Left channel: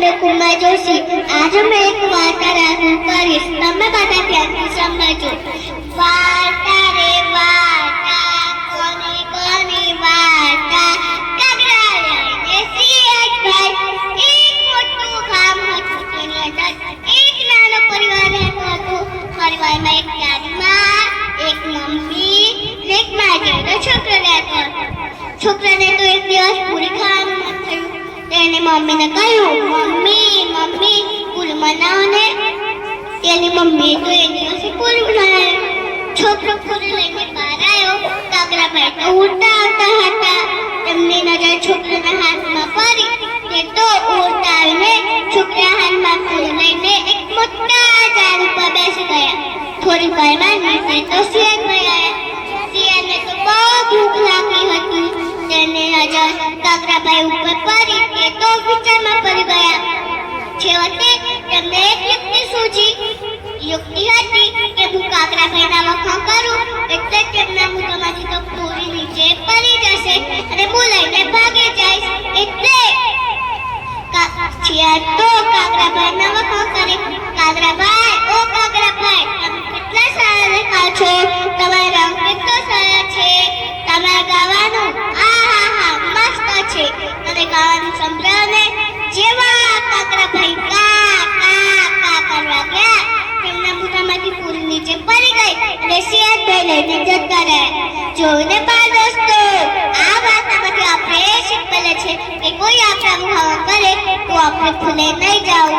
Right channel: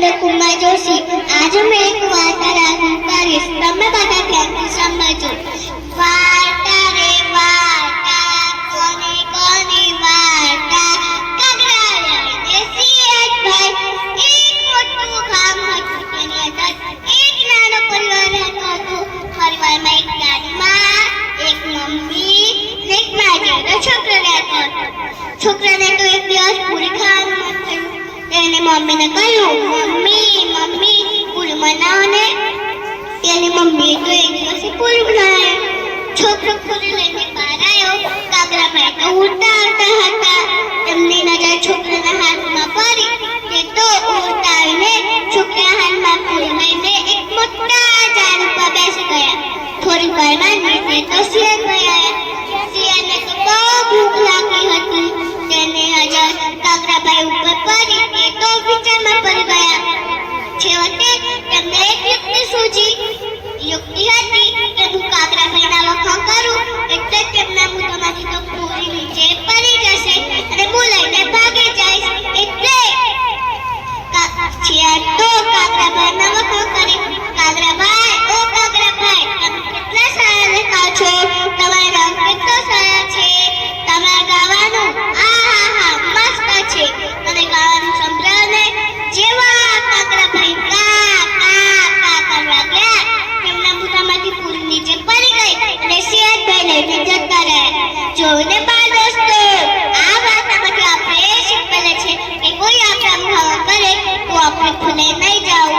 કુમાર જોશી. આજે મેં એક વાર્તા રજૂ કરીશ. તમે બધા ધ્યાનથી સમજો. વાર્તા રે વાર્તા, કોની કોની વાર્તા. કાગડા લઈને સિંહભાઈ. એક મોટું ગામ હતું. તેની અંદર એક નાનો પરિવાર રહેતો હતો. પરિવારમાં એક દાદી માં, એક મમ્મી ને એક માજીનો છોકરો રહેતો હતો. છોકરાને તો એક દિવસ પૂરી ખાવાનું મન થયું. તેને મમ્મીને કહ્યું, મમ્મી મમ્મી પૂરી બનાવો ને. તેની મમ્મીએ તો એક દિવસે પૂરી બનાવી. છોકરો પૂરી લઈને બહાર આવ્યો. કાગડાભાઈ તો ઉડતા આવતા હતા. તેમની નજર છોકરાના હાથમાં પડી. તે તો ઉડતા આવીને છોકરા હાથમાં પૂરી લઈને એક મોટા ઝાડ ઉપર બેસી ગયા. થોડી વારમાં નીચે તો શિયાળ આવ્યા. શિયાળને તો બહુ ભૂખ લાગી હતી. તેને નજર કાગડાભાઈ ઉપર પડી. તે તો વિચારમાં પડી ગયા. છેવટે તેમને એક યુક્તિ સૂજી. યુક્તિ હતી કે હું કાગડાભાઈના વખાણ કરું એટલે તેમના મોઢામાંથી તો પૂરી નીચે પડી જશે અને હું લઈને ભાગી જઈશ. એટલે શિયાળ તો કાગડાભાઈના વખાણ કરે. કાગડાભાઈ, ઓ કાગડાભાઈ, તમે કેટલા સારા દેખાવ છો. તમારો રંગ કેટલો સરસ છે. તમારા ગાવાનું આહાહા મસ્ત છે. અને ગાવાનું સંભળાવો ને. જેવા કાગડાભાઈ કા કા કા કરવા ગયા, તેમના મોઢામાંથી પૂરી નીચે પડી ગઈ અને શિયાળભાઈ લઈને જતા રહ્યા. જોઈને બાળ દોસ્તો, આ વાર્તામાંથી આપણે શીખવાના છે કે કોઈ આપણા મોઢામાં કરે તો આપણે ભૂલે નહીં જાવ.